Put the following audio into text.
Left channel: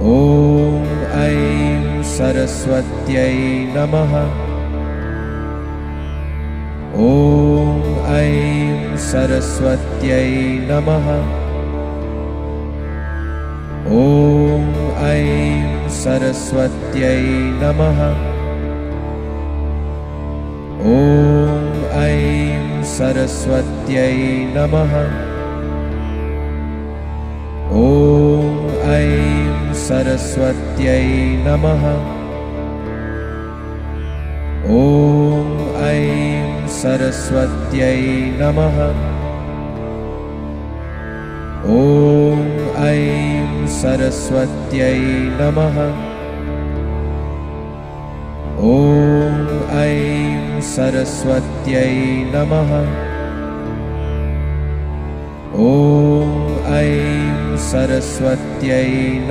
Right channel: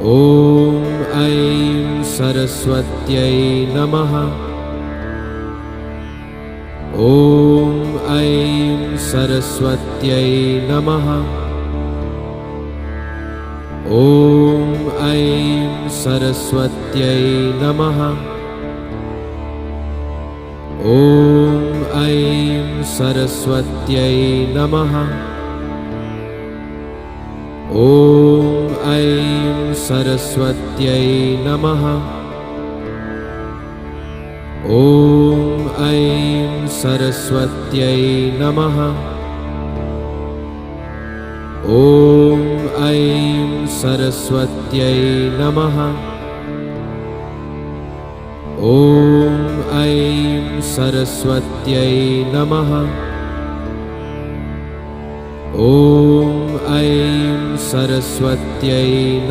ॐ ऐं सरस्वत्यै नमः। ॐ ऐं सरस्वत्यै नमः। ॐ ऐं सरस्वत्यै नमः। ॐ ऐं सरस्वत्यै नमः। ॐ ऐं सरस्वत्यै नमः। ॐ ऐं सरस्वत्यै नमः। ॐ ऐं सरस्वत्यै नमः। ॐ ऐं सरस्वत्यै नमः। ॐ ऐं सरस्वत्यै नमः।